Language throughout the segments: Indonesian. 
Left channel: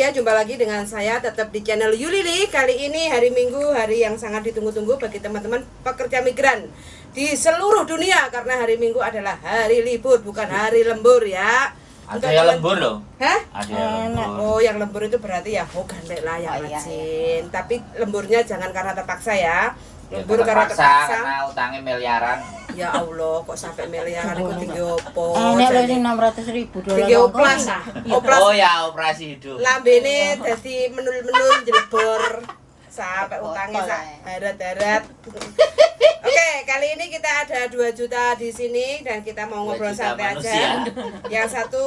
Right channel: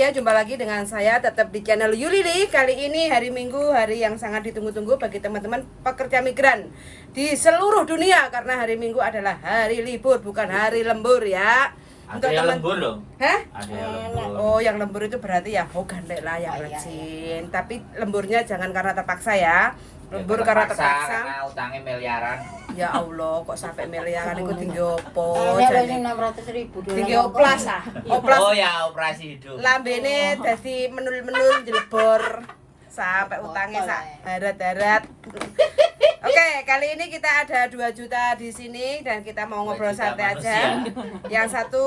pagi ya, jumpa lagi dengan saya tetap di channel Yulili. Kali ini hari Minggu, hari yang sangat ditunggu-tunggu bagi teman-teman pekerja migran di seluruh dunia. Karena hari Minggu adalah hari libur, bukan hari lembur ya. Ada yang lembur loh. Hah? Ada yang lembur. Oh, yang lembur itu berarti ya hogan lah yang rajin. Tapi lemburnya jangan karena terpaksa ya. Lembur karena terpaksa. Karena utangnya miliaran. Ya Allah, kok sampai miliaran itu tinggi opo? Jadi 600.000 tinggi oplas ah. Oplas. Oh ya, operasi hidup. Lambene dadi menul-menul jelebor sampai utangnya sak darat-darat. Oke, kali ini kita ada 2 juta di sini dan kita mau ngobrol santai aja. Yang satu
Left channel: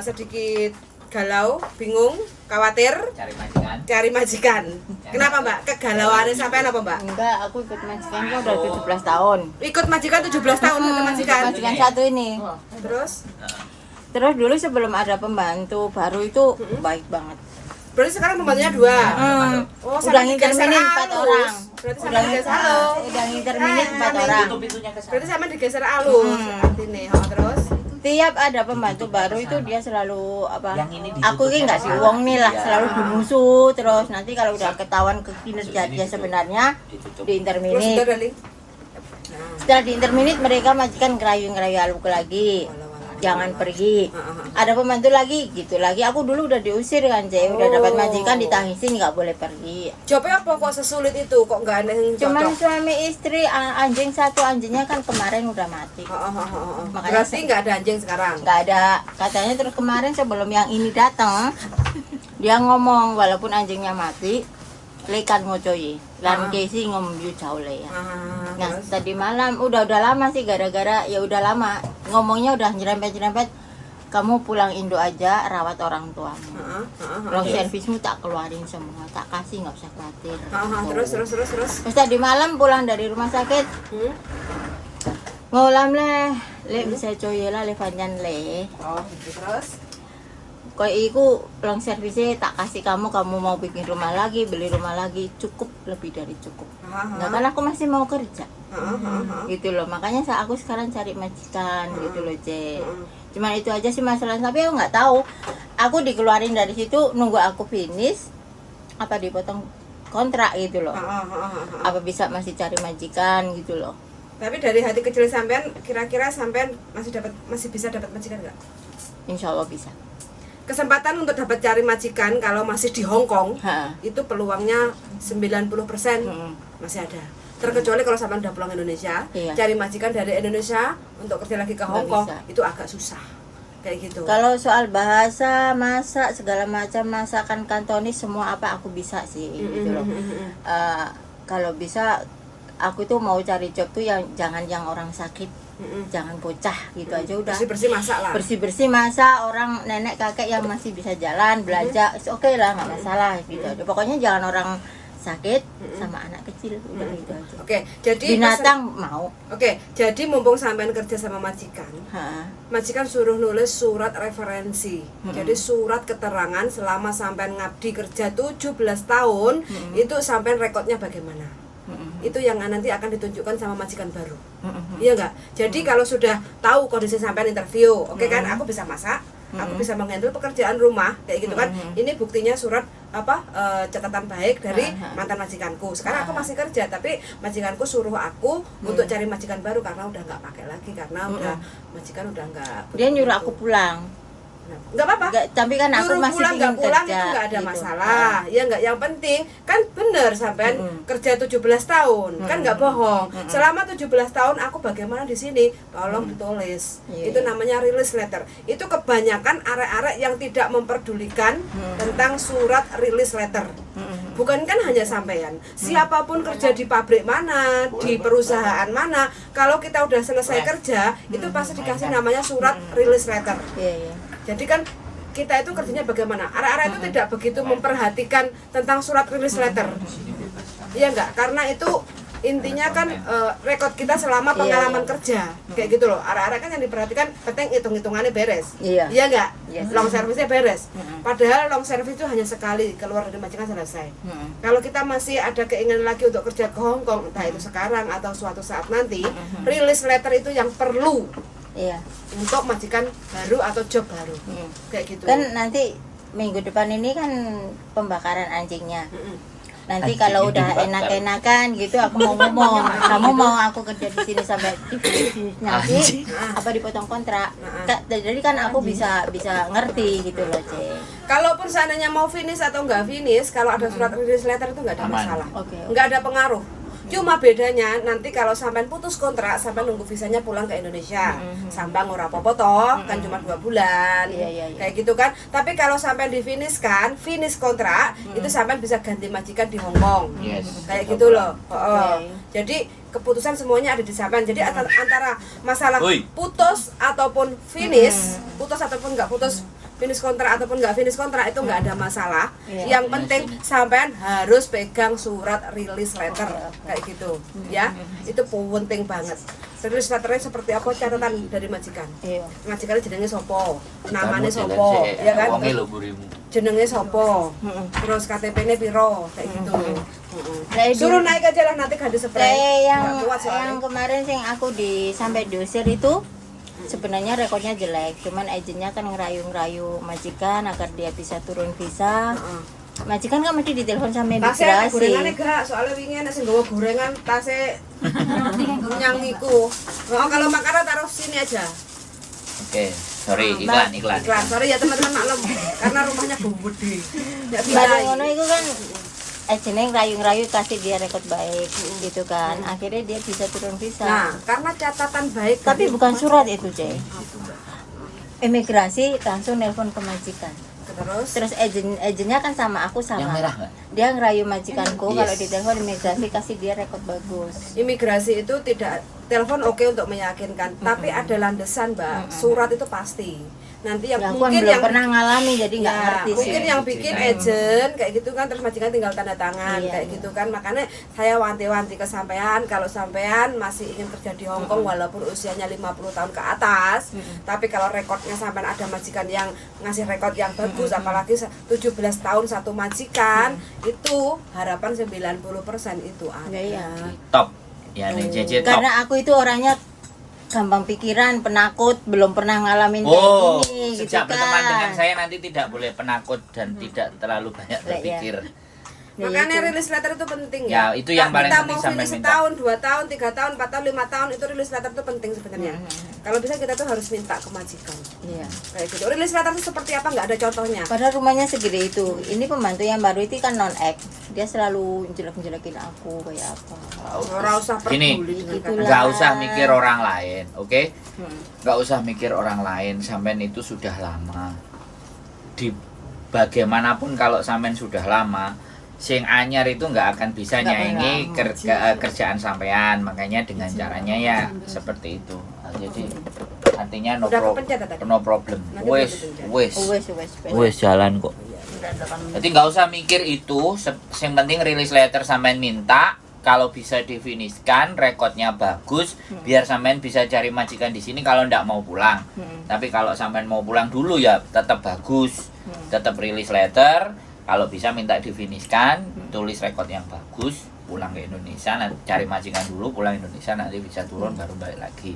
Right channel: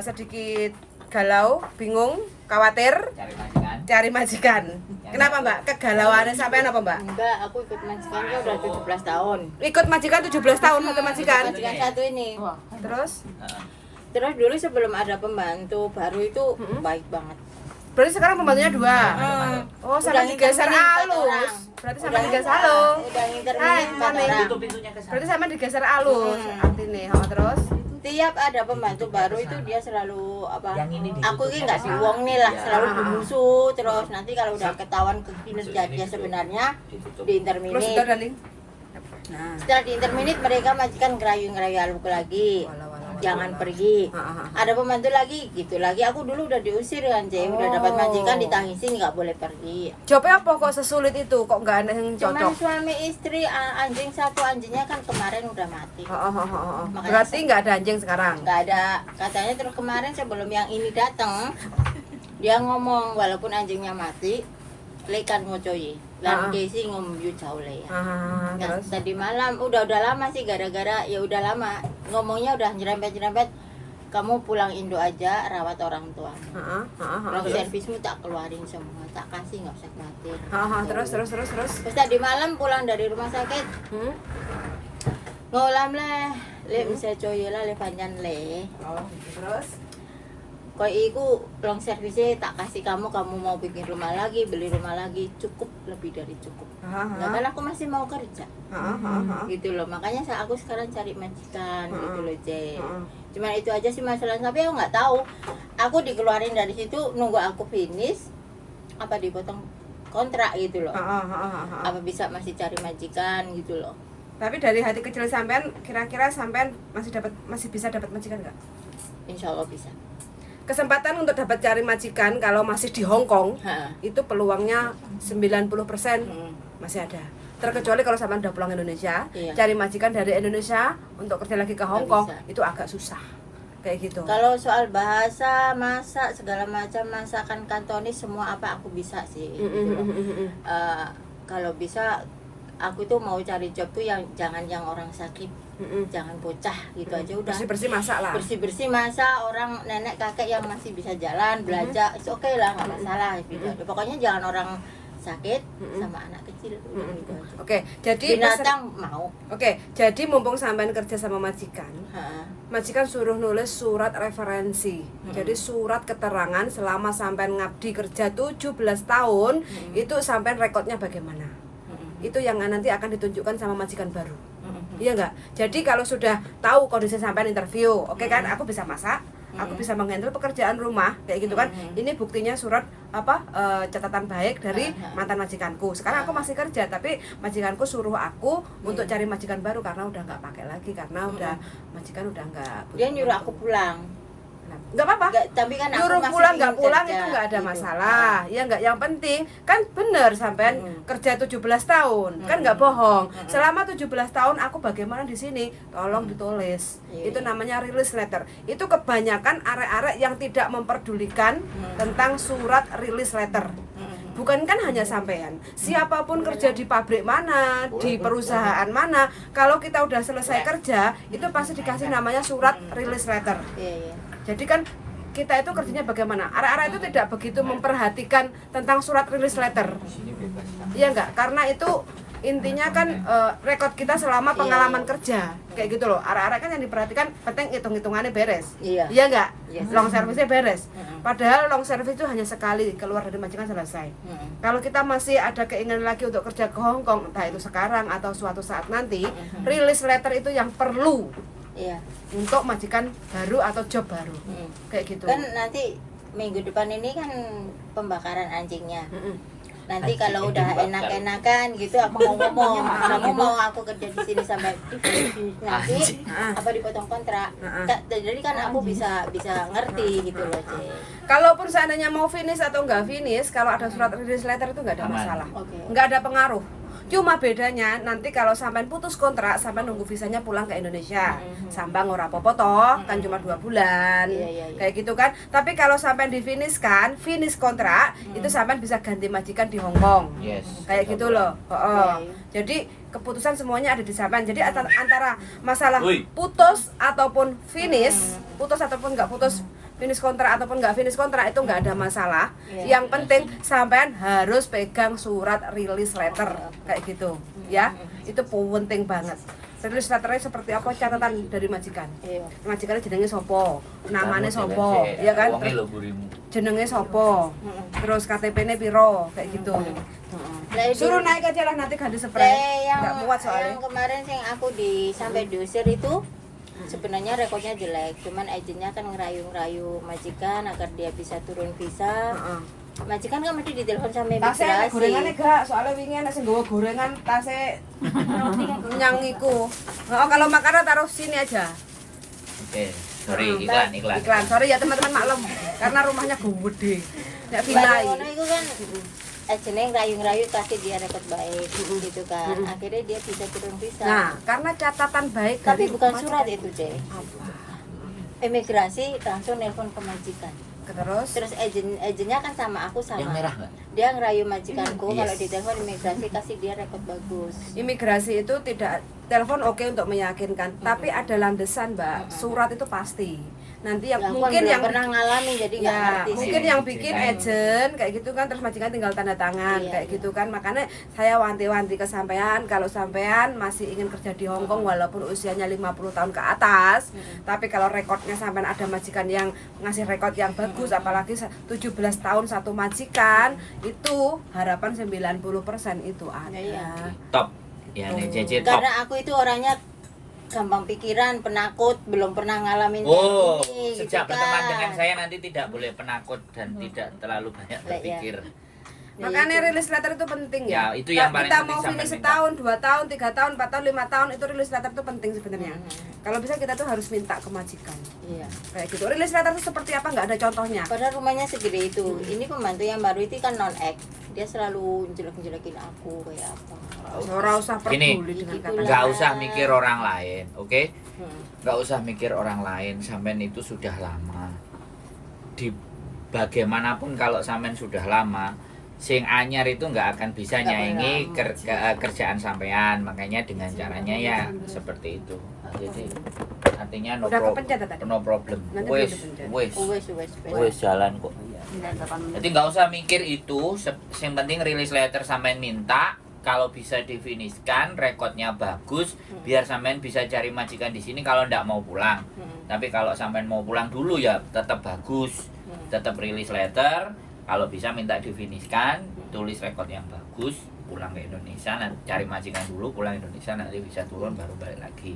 sedikit galau, bingung, khawatir, cari majikan. Kenapa Mbak? Kegalauannya sampean apa Mbak? Enggak, aku ikut majikan kan udah 17 tahun. Ikut majikan 17 tahun satu majikan. Majikan satu ini. Terus dulu sebelum ada pembantu baru itu baik banget. Berarti sekarang pembantunya 2. Oh, sampai digeser halus. Berarti sampai digeser halus. Udah internet Hai, 4 Mami. orang. Berarti sama digeser halus artinya. Oh, terus Tiap ada pembantu baru itu dia selalu apa? Yang ini Aku ini nggak diuang nih lah, selalu bermusuh. Terus nanti kalau udah ketahuan kinerja dia sebenarnya di terus interminit. sudah darling. Nah, Setelah di interminit mereka majikan ngerayu-ngerayu aku lagi. Jangan pergi. Ada pembantu lagi, gitu lagi. Aku dulu udah diusir kan, Jay. Udah dapat majikan ditangisin nggak boleh pergi. jawabnya apa kok sesulit itu? Kok nggak ada yang Cuman cocok? suami istri anjing satu, anjingnya kan kemarin udah mati. Berarti nggak ada anjing sekarang? Nggak ada. Katanya terus kemarin sebelum yang ini datang, dia ngomong walaupun anjingnya mati, lekan ngocoy. Lan kesi ngomong jauh le ya. Nah, Terus? tadi malam udah lama sih gara-gara ya udah lama ngomongnya udah nyerempet kamu pulang Indo aja rawat orang tua. Kalau servismu tak keluarin semua, tak kasih nggak usah khawatir. Terus. Terus tadi malam pulang dari rumah sakit ngulam le bisa coy lah le panjang le. Oh, terus. Kau iku long servisnya tak kasih kamu mau bikin rumah lagi, beli rumah lagi, cukup lebih dari cukup. Nah, kan aku masih mau kerja. Gitu loh, makanya aku sekarang cari majikan gitu loh, C. Cuman itu aja sih masalahnya, tapi aku nggak tahu. Aku dikeluarin dari situ nunggu aku finish apa dipotong kontrak gitu loh. Apa bisa masih cari majikan gitu loh. Tapi dari hati kecil sampean, kira-kira sampean masih bisa dapat majikan nggak? Insya Allah bisa. Kesempatan untuk dapat cari majikan kalau masih di Hong Kong itu peluangnya 90% masih ada. Terkecuali kalau sampean udah pulang Indonesia, cari majikan dari Indonesia untuk kerja lagi ke Hong Kong itu agak susah. Kayak gitu. Kalau soal bahasa, masak segala macam masakan kantonis semua apa aku bisa sih gitu loh. Kalau bisa aku tuh mau cari job tuh yang jangan yang orang sakit, jangan bocah gitu aja udah. Bersih-bersih masak lah. Bersih-bersih masak, orang nenek kakek yang masih bisa jalan, belajar, oke lah nggak masalah gitu aja. Pokoknya jangan orang sakit sama anak kecil udah gitu aja. Oke, jadi binatang mau. Oke, jadi mumpung sampean kerja sama majikan, majikan suruh nulis surat referensi. Jadi surat keterangan selama sampean ngabdi kerja 17 tahun, itu sampean rekodnya bagaimana? Itu yang nanti akan ditunjukkan sama majikan baru. Iya enggak? Jadi kalau sudah tahu kondisi sampean interview, oke kan, aku bisa masak, aku bisa menghandle pekerjaan rumah kayak gitu kan. Ini buktinya surat catatan baik dari mantan majikanku. Sekarang aku masih kerja tapi majikanku suruh aku untuk cari majikan baru karena udah nggak pakai lagi karena udah majikan udah nggak. Dia nyuruh aku pulang. Nggak apa-apa. Tapi kan aku nyuruh masih pulang nggak ingin pulang kerja, itu nggak ada gitu. masalah. Ya nggak, yang penting kan bener sampean kerja 17 tahun kan nggak bohong. Selama 17 tahun aku bagaimana di sini tolong ditulis. Itu namanya release letter. Itu kebanyakan arek-arek yang tidak memperdulikan tentang surat release letter. Bukan kan hanya sampean, siapapun kerja di pabrik mana, di perusahaan mana, kalau kita udah selesai kerja itu pasti dikasih namanya surat release letter. Jadi kan kita itu kerjanya bagaimana? Arek-arek itu tidak begitu memperhatikan tentang surat release letter. Iya enggak? Karena itu intinya kan rekod kita selama pengalaman kerja. Kayak gitu loh. Arek-arek kan yang diperhatikan penting hitung-hitungannya beres. Iya enggak? Long service-nya beres. Padahal long service itu hanya sekali keluar dari majikan selesai. Kalau kita masih ada keinginan lagi untuk kerja ke Hong Kong, entah itu sekarang atau suatu saat nanti, release letter itu yang perlu. Untuk majikan baru atau job baru. Kayak gitu. Kan nanti minggu depan ini kan pembakaran anjingnya. Nanti kalau udah enak-enakan gitu aku mau ngomong, kamu mau aku kerja di sini sampai nanti apa dipotong kontrak. Jadi kan aku bisa ngerti gitu loh, Cek. Kalaupun seandainya mau finish atau nggak finish, kalau ada surat release letter itu nggak ada masalah, nggak ada pengaruh. Cuma bedanya nanti kalau sampai putus kontrak, sampai nunggu visanya pulang ke Indonesia, sambang ora apa-apa toh, kan cuma 2 bulan, kayak gitu kan. Tapi kalau sampai di finish kontrak, itu sampai bisa ganti majikan di Hong Kong, kayak gitu loh. Jadi keputusan semuanya ada di sampean. Jadi antara masalah putus ataupun finish, putus ataupun nggak putus, finish kontrak ataupun nggak finish kontrak itu nggak ada masalah. Yang penting sampean harus pegang surat release letter kayak gitu, ya. Itu penting banget. Release letternya seperti apa, catatan dari majikan. Majikannya jenenge sopo, namanya sopo, ya kan? Jenenge sopo, terus KTP-nya piro, kayak gitu. Suruh naik aja lah, nanti ganti spray. Nggak kuat soalnya. Yang kemarin sing aku sampai diusir itu sebenarnya rekodnya jelek, cuman agennya kan ngerayu-ngerayu majikan agar dia bisa turun visa. Majikan kan mesti ditelepon sama imigrasi. Tasnya gorengannya gak, soalnya wingi enak sing nggawa gorengan tasnya nyang iku. Oh, kalau makanan taruh sini aja. Oke, sorry, iklan. Sorry ya teman-teman, maklum karena rumahnya gede. Enggak vilai. Ngono iku kan agennya ngerayu-ngerayu kasih dia rekod baik gitu kan. Akhirnya dia bisa turun visa. Nah, karena catatan baik tapi dari bukan surat itu, Cek. Imigrasi langsung nelpon ke majikan. Terus agennya kan sama aku sama. Yang merah nggak? Dia ngerayu majikanku kalau ditelepon imigrasi kasih dia rekod bagus. Imigrasi itu tidak telepon oke untuk meyakinkan, tapi ada landasan, Mbak. Surat itu pasti. Nanti yang mungkin yang pernah ngalami jadi nggak ngerti. Mungkin yang bikin agent kayak gitu kan, terus majikan tinggal tanda tangan kayak gitu kan. Makanya saya wanti-wanti ke sampean, kalau sampean masih ingin kerja di Hong Kong walaupun usianya 50 tahun ke atas, tapi kalau rekodnya sampean ada majikan yang ngasih rekod yang bagus, apalagi 17 tahun satu majikan, itu harapan 90% itu ada. Top. Ya nih JJ top. Karena aku itu orangnya gampang pikiran, penakut, belum pernah ngalamin kayak gini. Sejak gitu berteman kan. dengan saya nanti tidak boleh penakut dan tidak terlalu banyak berpikir. Makanya release letter itu penting ya. Itu yang paling kita penting mau sampai finish minta. setahun, 2 tahun, 3 tahun, 4 tahun, 5 tahun, itu release letter itu penting sebenarnya. Kalau bisa kita tuh harus minta ke majikan. Kayak gitu. Release letter itu seperti apa, nggak ada contohnya. Padahal rumahnya segede itu. Ini pembantu yang baru itu kan non-act. Dia selalu jelek-jelekin aku kayak apa. Ora usah peduli dengan kata. Nggak usah mikir orang lain, oke? Nggak usah mikir orang lain. Sampean itu sudah lama. Di bagaimanapun kalau sampean sudah lama, sing anyar itu nggak akan bisa nyaingi kerjaan sampean. Makanya dengan caranya ya seperti itu. Jadi artinya no problem. Wes jalan kok. Jadi nggak usah mikir itu. Yang penting release letter sampean minta. Kalau bisa definisikan, rekodnya bagus, biar sampean bisa cari majikan di sini kalau ndak mau pulang. Tapi kalau sampean mau pulang dulu ya tetap bagus, tetap release letter. Kalau bisa minta definisikan, tulis rekod yang bagus, pulang ke Indonesia, nanti cari majikan dulu, pulang Indonesia nanti bisa turun baru balik lagi.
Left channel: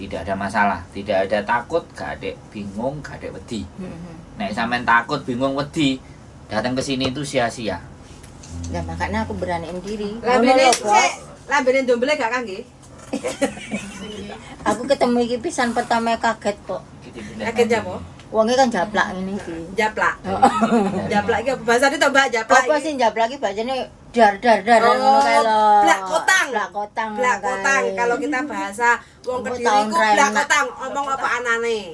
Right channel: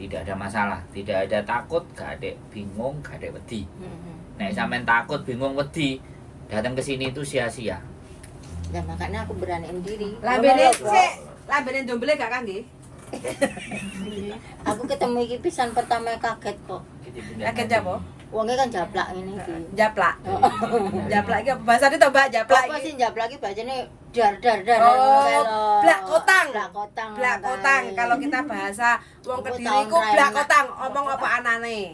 Tidak ada masalah, tidak ada takut, gak ada bingung, gak ada wedi. Nek sampean takut, bingung, wedi, datang ke sini itu sia-sia. Nah, makanya aku beraniin diri. Lambene ndombele gak kangge? Aku ketemu iki pisan pertama kaget kok. Kaget apa? Wonge kan japlak ngene iki. Japlak. Japlak iki apa bahasane to, Mbak? Japlak. Apa sih japlak iki bacane dar ngono kae lho. Blak kotang. Blak kotang. Kalau kita bahasa wong Kediri iku blak kotang, omong apa anane.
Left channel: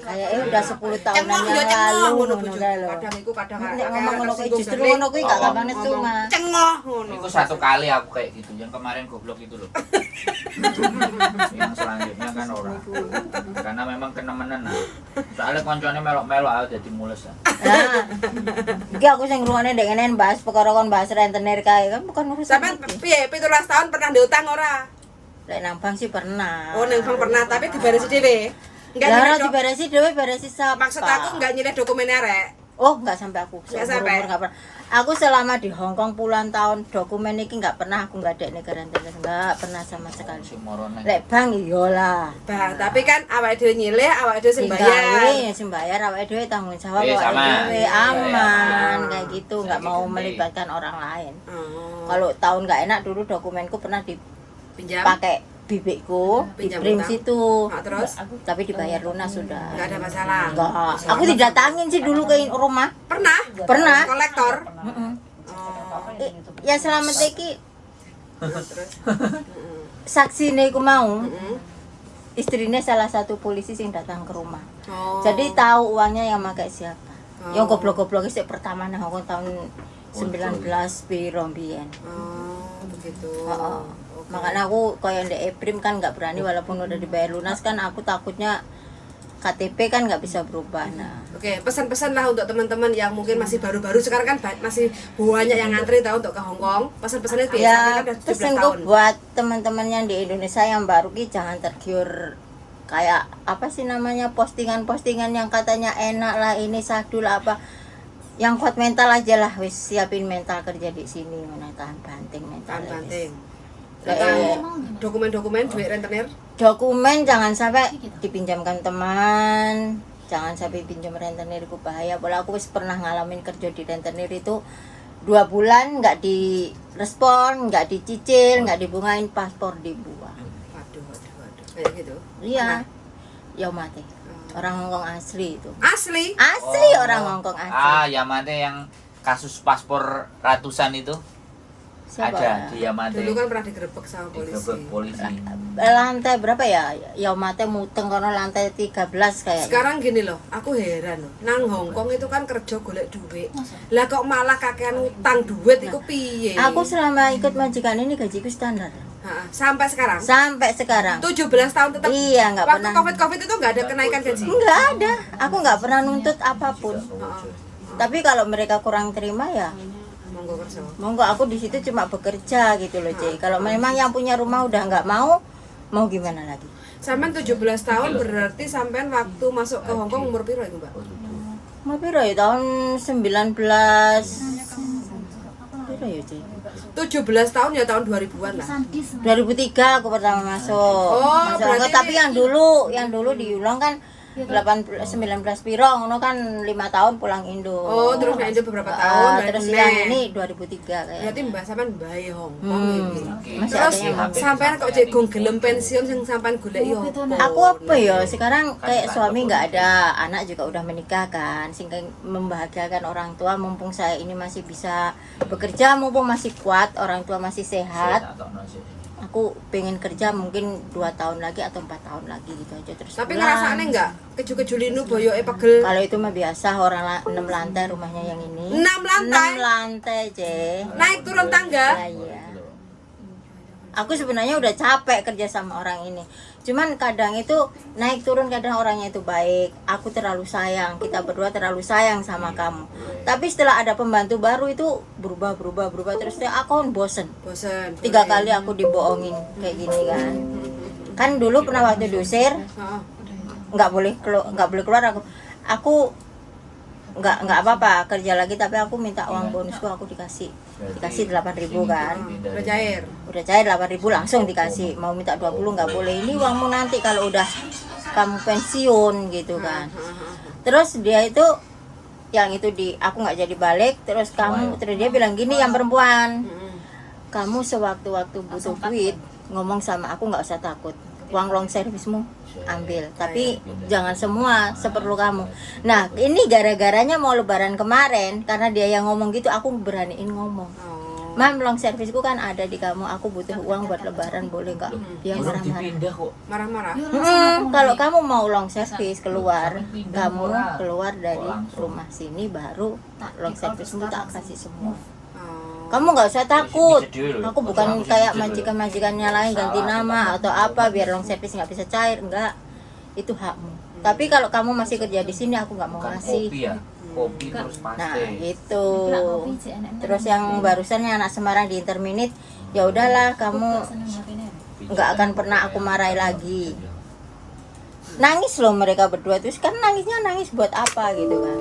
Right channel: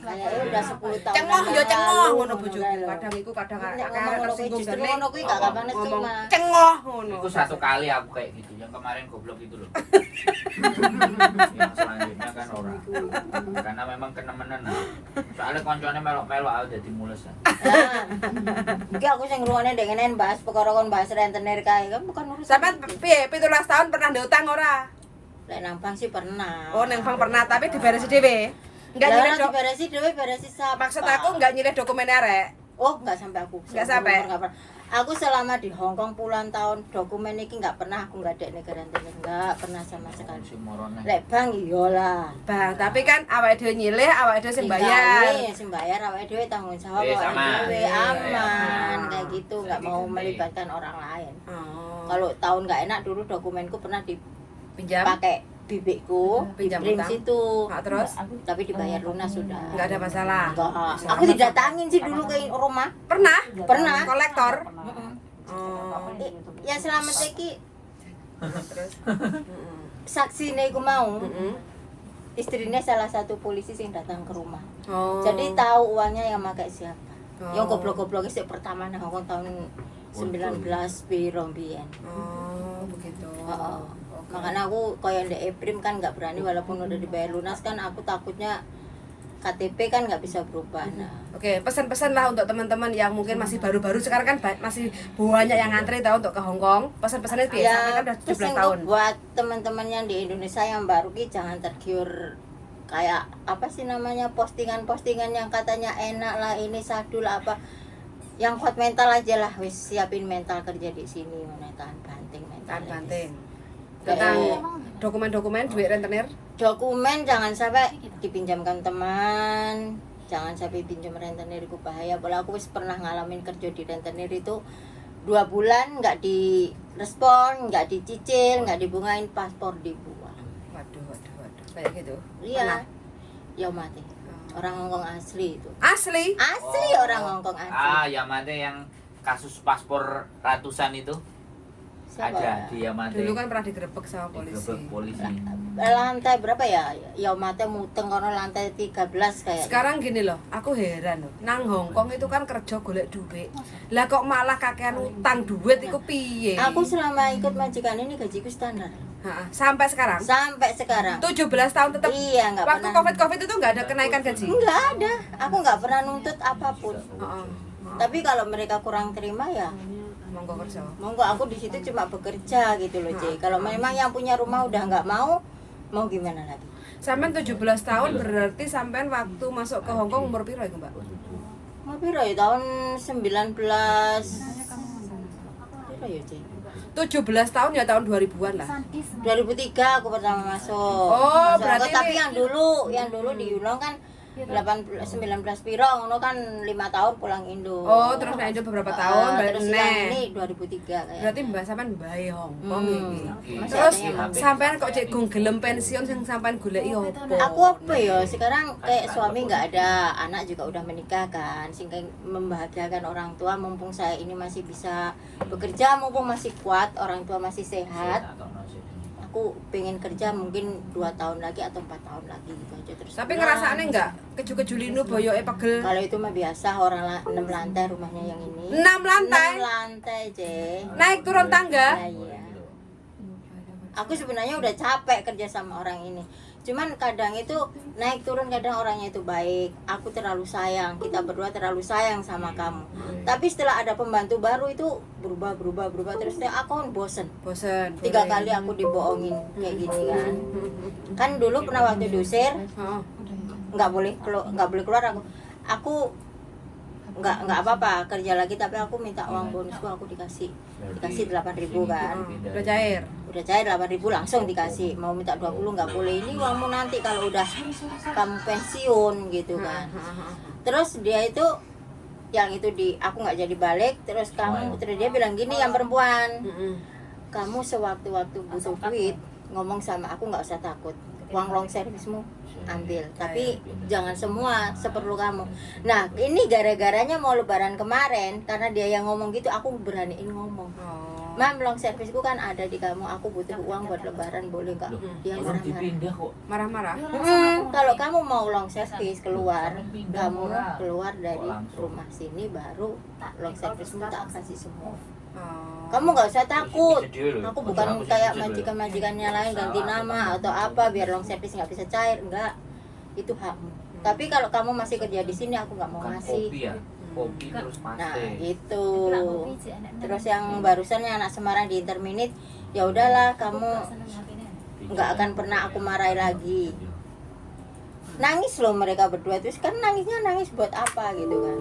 Udah 10 tahun. Cengoh ya cengoh ngono bojoku. Kadang iku kadang ngomong ngono kuwi justru ngono kuwi gak kapan cuma. Cengoh ngono. Itu satu kali aku kayak gitu, yang kemarin goblok itu loh. Yang selanjutnya kan orang. Karena memang kenemenan. Soalnya koncone melok-melok aku dadi mules. Nah, iki aku sing ngrungokne ndek ngene bahas perkara kon bahas rentenir kae kan bukan urusan. Sampeyan piye 17 tahun pernah diutang ora? Lek nang bank sih pernah. Oh, nang bank pernah tapi diberesi dhewe. Enggak nyilih diberesi dhewe, beresi sapa. Maksud aku enggak nyilih dokumen arek. Oh, enggak sampai aku. Enggak sampai. Enggak pernah. Aku selama di Hong Kong puluhan tahun dokumen iki nggak pernah aku nggak ada negara nggak pernah sama sekali. Lek bang iyalah. Bang, tapi kan awake dhewe nyilih, awake dhewe sing bayar. Sing bayar awake dhewe tanggung jawab Iya, awake sama. dhewe Iya, aman iya. kayak gitu, nggak mau melibatkan orang lain. Oh. Kalau tahun nggak enak dulu dokumenku pernah Pinjam. dipakai bibikku, Pinjam dikirim utang. situ. Nah, terus Tapi dibayar lunas sudah. nggak ada masalah. Enggak. Aku didatangin sih dulu ke rumah. Pernah? Pernah. Kolektor. Mm-mm. Oh. Ya selamat iki Terus. saksi ku mau. Mm-mm. Istrinya salah satu polisi yang datang ke rumah. Oh. Jadi tahu uangnya yang pakai siapa. Oh. Yang goblok-goblok sih pertama nang Hongkong tahun 19 piro mbiyen. Oh, begitu. Heeh. Oke. Makanya aku koyo ndek Eprim kan nggak berani walaupun udah dibayar lunas kan aku takutnya KTP kan nggak bisa berubah. Nah, Oke, pesan-pesan lah untuk teman-teman yang mungkin masih baru-baru sekarang kan masih banyak yang ngantri tahu untuk ke Hong Kong. Pesan-pesannya biasa ya kan udah 17 pesanku tahun. buat teman-teman yang di Indonesia yang baru ki jangan tergiur kayak apa sih namanya postingan-postingan yang katanya enak lah ini sadul apa. Yang kuat mental aja lah, wis siapin mental kerja di sini, tahan banting mental. Tahan banting. Eh, Tentang dokumen-dokumen duit rentenir. dokumen jangan sampai dipinjamkan teman, jangan sampai pinjam rentenir itu bahaya. Bola aku wis pernah ngalamin kerja di rentenir itu 2 bulan nggak direspon, nggak dicicil, nggak dibungain, paspor dibuang. Waduh, kayak gitu. Iya, ya mati. Orang Hongkong asli itu. Asli. Asli orang Hongkong asli. Yamate yang kasus paspor ratusan itu Siapa? ada di Yamate. Dulu kan pernah digerebek sama polisi. Digerebek polisi. Lantai berapa ya? Ya mati muteng kono lantai 13 kayak. Sekarang gini loh, aku heran loh. Nang Hongkong itu kan kerja golek duit. Lah kok malah kakean utang duit iku piye? Aku selama ikut majikan ini gajiku standar. Ha, sampai sekarang. Sampai sekarang. 17 tahun tetap. Iya, nggak Waktu pernah. Covid itu nggak ada kenaikan gaji. Enggak ada. Aku nggak pernah nuntut apapun. Heeh. Tapi kalau mereka kurang terima ya Monggo kerja. monggo aku di situ cuma bekerja gitu loh, Ci. Kalau memang yang punya rumah udah nggak mau gimana lagi? Sampean 17 tahun berarti sampean waktu masuk ke Hongkong umur piro itu, Mbak? Mau piro ya tahun 19 piro ya, Ci? 17 tahun ya tahun 2000-an lah. 2003 aku pertama masuk. Oh, Masuk berarti Hongkong. Tapi ini- yang dulu di Yulong kan 19 piro ngono kan 5 tahun pulang Indo. Oh, terus nek Indo beberapa tahun terus balik yang meneh. ini 2003 kayak. Berarti Mbak sampean mbae Hongkong iki. Masih Terus ada yang sampean kok cek gung gelem pensiun sing sampean goleki opo? Aku apa ya sekarang kayak suami nggak ada, anak juga udah menikah kan, sehingga membahagiakan orang tua mumpung saya ini masih bisa bekerja, mumpung masih kuat, orang tua masih sehat. Aku pengen kerja mungkin 2 tahun lagi atau 4 tahun lagi gitu aja terus. Tapi pulang. ngerasane enggak keju-kejulinu boyoke pegel? Kalau itu mah biasa orang 6 lantai rumahnya yang ini. 6 lantai. 6 lantai, Je. Naik turun tangga. Iya. Aku sebenarnya udah capek kerja sama orang ini. Cuman kadang itu naik turun, kadang orangnya itu baik. Aku terlalu sayang, kita berdua terlalu sayang sama kamu. Tapi setelah ada pembantu baru itu berubah terus aku kan bosen. Bosen. 3 kali aku dibohongin kayak gini kan. Kan dulu pernah waktu diusir Heeh. nggak boleh keluar aku nggak apa-apa kerja lagi, tapi aku minta uang bonusku, aku dikasih 8.000 kan. Udah cair. Udah cair 8.000 langsung dikasih, mau minta 20 nggak boleh, ini uangmu nanti kalau udah kamu pensiun gitu kan. Terus dia itu yang itu aku nggak jadi balik, terus dia bilang gini, yang perempuan, kamu sewaktu-waktu butuh duit ngomong sama aku, nggak usah takut, uang long servismu ambil, tapi jangan semua, seperlu kamu. Nah ini gara-garanya mau lebaran kemarin, karena dia yang ngomong gitu, aku beraniin ngomong, Mam, long servisku kan ada di kamu, aku butuh uang buat lebaran, boleh kak? Dia marah-marah. Marah-marah. Kalau kamu mau long servis keluar, kamu keluar dari rumah sini baru long servismu tak kasih semua. Kamu nggak usah takut, aku bukan kayak majikan-majikannya lain ganti nama atau apa biar long servis nggak bisa cair, enggak, itu hakmu. Tapi kalau kamu masih kerja di sini, aku nggak mau ngasih. Kopi terus Nah pasti. gitu. Terus yang barusan yang anak Semarang di Interminute, ya udahlah kamu nggak akan pernah aku marahi lagi. Nangis loh mereka berdua, terus kan nangisnya nangis buat apa gitu kan.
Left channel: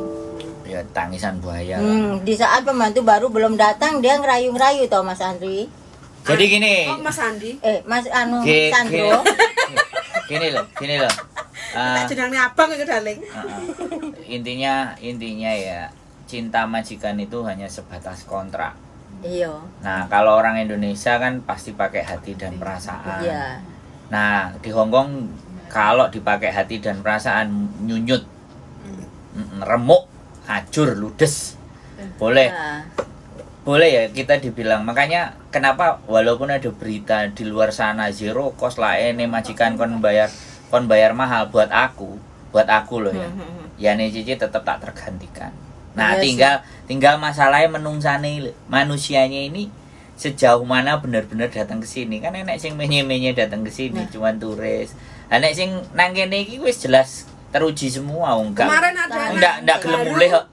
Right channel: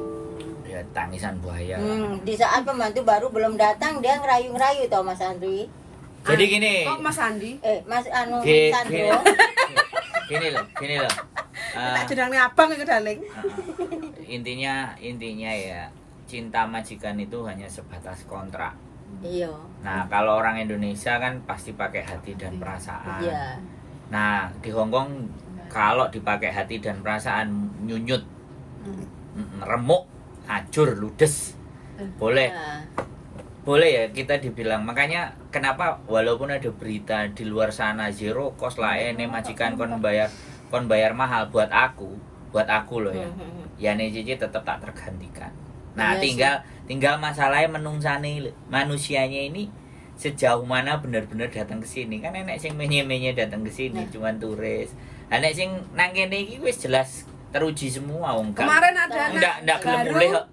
Ya tangisan buaya. Di saat pembantu baru belum datang dia ngerayu-ngerayu toh Mas Andri. Jadi gini. Oh, Mas Andi. Mas Anu Gini, Sandro. Gini loh. Tak jenenge abang itu daling. Intinya ya cinta majikan itu hanya sebatas kontrak. Iya. Nah, kalau orang Indonesia kan pasti pakai hati dan perasaan. Iya. Nah, di Hongkong kalau dipakai hati dan perasaan nyunyut, remuk, hancur, ludes. Boleh. Boleh ya kita dibilang. Makanya kenapa walaupun ada berita di luar sana zero cost lah ini majikan kon bayar mahal buat aku loh ya. Ya nih Cici tetap tak tergantikan. Nah, tinggal masalahnya menungsane manusianya ini sejauh mana benar-benar datang ke sini. Kan enek sing menye-menye datang ke sini cuman turis. Enek sing nang kene iki wis jelas teruji semua enggak. Kemarin ada enggak gelem mulih kok.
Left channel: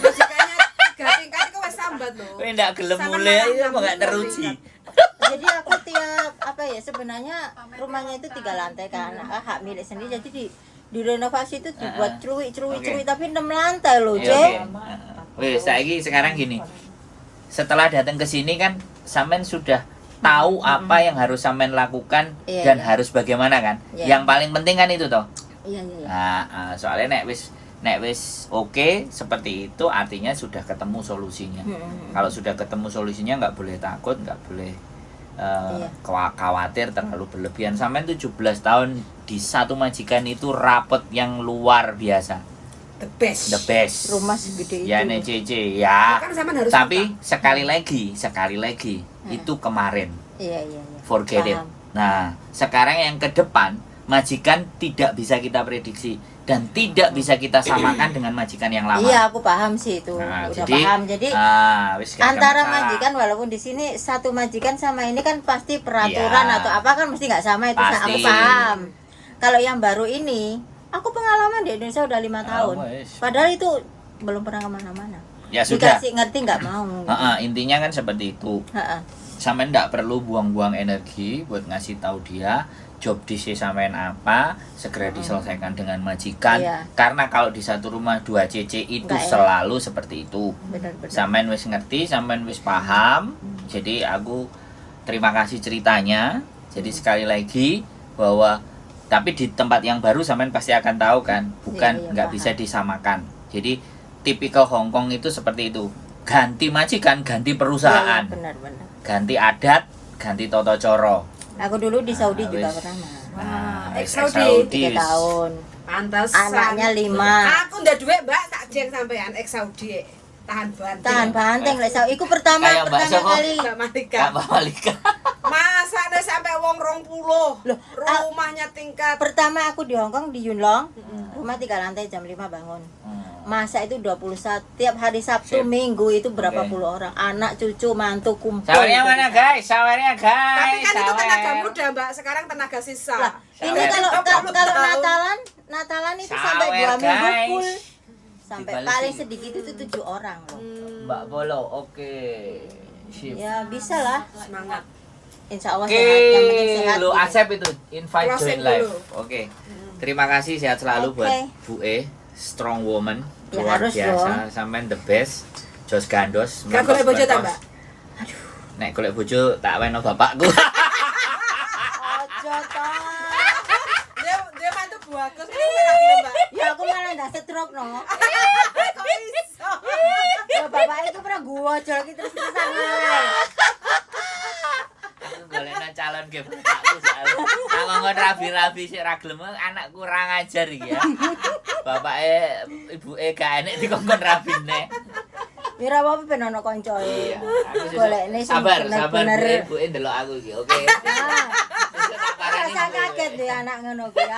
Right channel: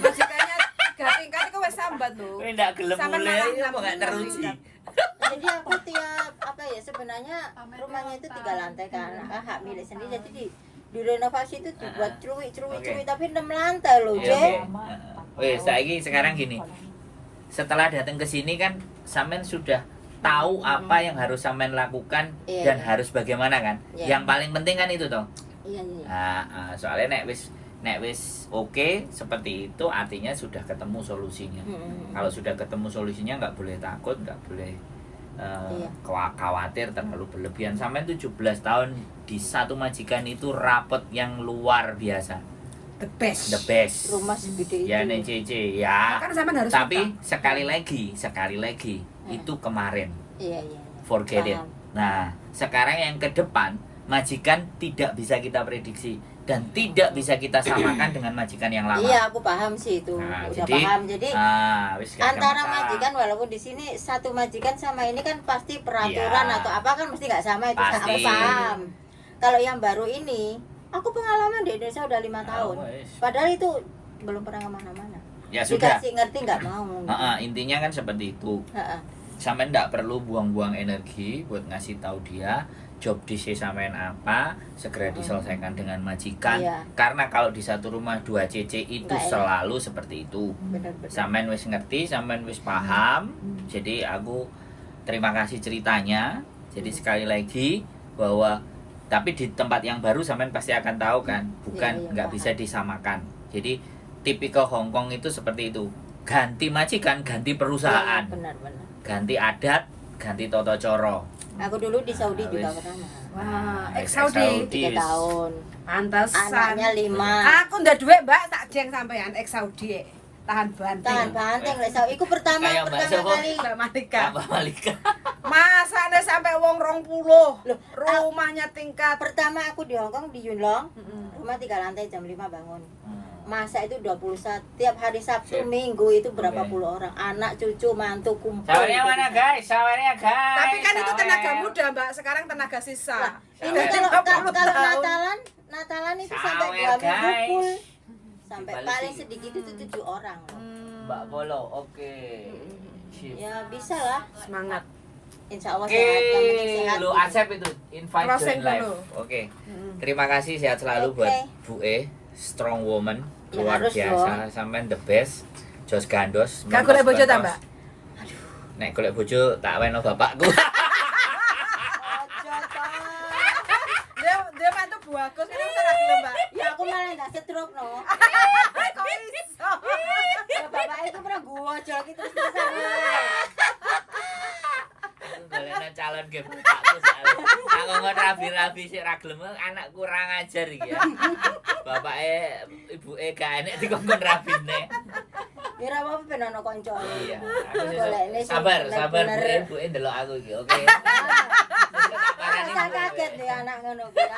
Majikannya 3 tingkat itu wis sambat loh. Kowe enggak gelem mulih kok enggak teruji. Jadi aku tiap sebenarnya rumahnya itu 3 lantai kan, hak milik sendiri. Jadi di renovasi itu dibuat cuwi tapi 6 lantai loh, Cek. Wes saiki sekarang gini. Setelah datang ke sini kan sampean sudah tahu apa yang harus sampean lakukan dan harus bagaimana kan. Yang paling penting kan itu toh. Iya. Nah, soalnya nek wis oke seperti itu artinya sudah ketemu solusinya. Kalau sudah ketemu solusinya nggak boleh takut, nggak boleh khawatir terlalu berlebihan. Sampai 17 tahun di satu majikan itu rapet yang luar biasa. The best. Rumah segede itu. Ya NCC ya. Kan sampean harus Tapi sekali lagi itu kemarin. Iya. Forget it. Paham. Nah, sekarang yang ke depan majikan tidak bisa kita prediksi dan tidak bisa kita samakan dengan majikan yang lama. Iya, aku paham sih itu. Nah, Udah jadi, paham. Jadi wis gak antara masalah. majikan walaupun di sini satu majikan sama ini kan pasti peraturan Iya. atau apa kan mesti nggak sama itu Pasti. aku paham. Kalau yang baru ini, aku pengalaman di Indonesia udah 5 tahun. wes. Padahal itu belum pernah kemana-mana. Ya sudah. Dikasih ngerti nggak mau. Intinya kan seperti itu. Sampean nggak perlu buang-buang energi buat ngasih tahu dia job disk sampean apa, segera diselesaikan dengan majikan. Iya. Karena kalau di satu rumah 2 CC itu Nggak enak. selalu seperti itu. Benar-benar. Sampean wis ngerti, sampean wis paham. Jadi aku terima kasih ceritanya. Jadi sekali lagi bahwa tapi di tempat yang baru sampean pasti akan tahu kan, bukan Iya, nggak paham. bisa disamakan. Jadi tipikal Hongkong itu seperti itu. Ganti majikan, ganti perusahaan. Benar-benar. Ganti adat, ganti toto coro. Aku dulu di Saudi juga wis. pernah. Wah, Wis, ex-Saudi. 3 tahun. Pantesan. Anaknya 5. Aku ndak duit, Mbak, tak jeng sampean ex-Saudi. Tahan banting. Tahan banteng lek Saudi. Iku pertama Kayak Mbak siapa? kali. Mbak Malika. Apa Malika? Masa ada sampai wong 20. Loh, Rumahnya tingkat. Pertama aku di Hongkong di Yunlong. Rumah 3 lantai jam 5 bangun. Masa itu 21 tiap hari Sabtu Sip. Minggu itu berapa Oke. puluh orang, anak cucu mantu kumpul. Sawarnya mana guys? Sawarnya guys. Tapi kan itu sawer. tenaga muda, Mbak. Sekarang tenaga sisa. Ini Sawer. kalau Natalan itu sampai Sawer, 2 minggu guys. full. Sampai Dibalik paling sih. sedikit itu 7 orang. Mbak Bolo, oke. Sip. Ya bisa lah. Semangat. Insya Allah Oke, sehat, yang penting sehat. lu gitu. Asep itu invite Closing join live. dulu. Oke. Terima kasih sehat selalu buat Oke. Bu E, strong woman, Ya, luar harus biasa, sampean the best. Jos gandos. Gak golek bojo ta, Mbak? Nek golek bojo tak weno bapakku. Ojo, Pak. Dia mantu Bu Agus ini kan aku, Mbak. Ya aku malah nggak stroke no. Kok iso? Bapak itu pernah gua jual gitu terus-terusan. Aku golekna calon ke bapakku soalnya. Aku ngomong rabi-rabi sik ra gelem anak kurang ajar iki ya. Bapake ibuke gak enek dikongkon rabine. Mira apa ben ono kanca. Iya. Aku sih Golekne sing sabar bener-bener. Bu, ibuke ndelok aku iki, oke. Rasa kaget deh anak ngono kuwi.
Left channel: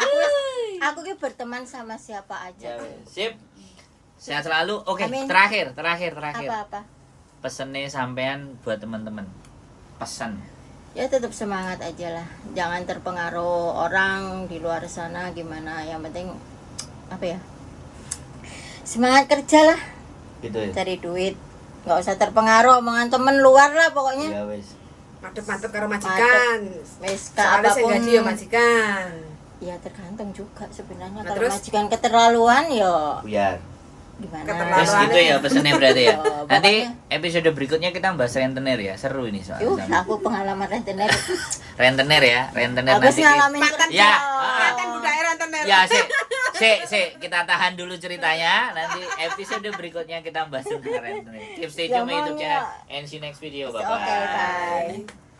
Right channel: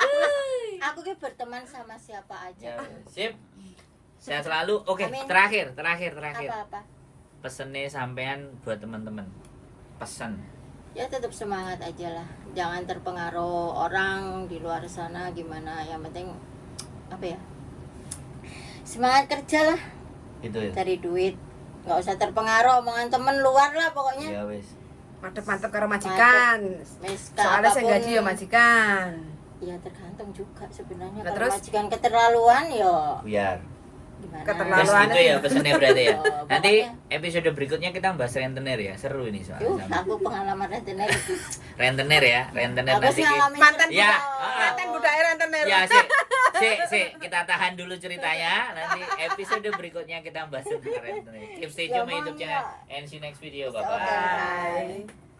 Aku ki berteman sama siapa Ya, aja. sip. Sehat selalu. Oke, Amin. terakhir. Apa-apa. Pesennya sampean buat teman-teman. Pesan. Ya tetap semangat aja lah. Jangan terpengaruh orang di luar sana gimana. Yang penting apa ya? Semangat kerja lah, Gitu ya. cari duit. Nggak usah terpengaruh omongan temen luar lah pokoknya. Iya wis. Mantep-mantep karo majikan. Wes Soalnya saya apapun- gaji ya majikan. Ya tergantung juga sebenarnya. Nah, Kalau terus? majikan keterlaluan ya Biar. gimana? Keterlaluan. Terus gitu ya pesannya berarti ya. Oh, Nanti pokoknya- episode berikutnya kita bahas rentenir ya. Seru ini soalnya. Aku pengalaman rentenir. Rentenir ya, rentenir Aku sih nanti. ngalamin Mantan Ya. mantan budaya rentenir. Ya, kita tahan dulu ceritanya. Nanti episode berikutnya kita bahas tentang rentenir. Keep stay tune sama YouTube channel and see you next video. Bye bye. Oke, bye.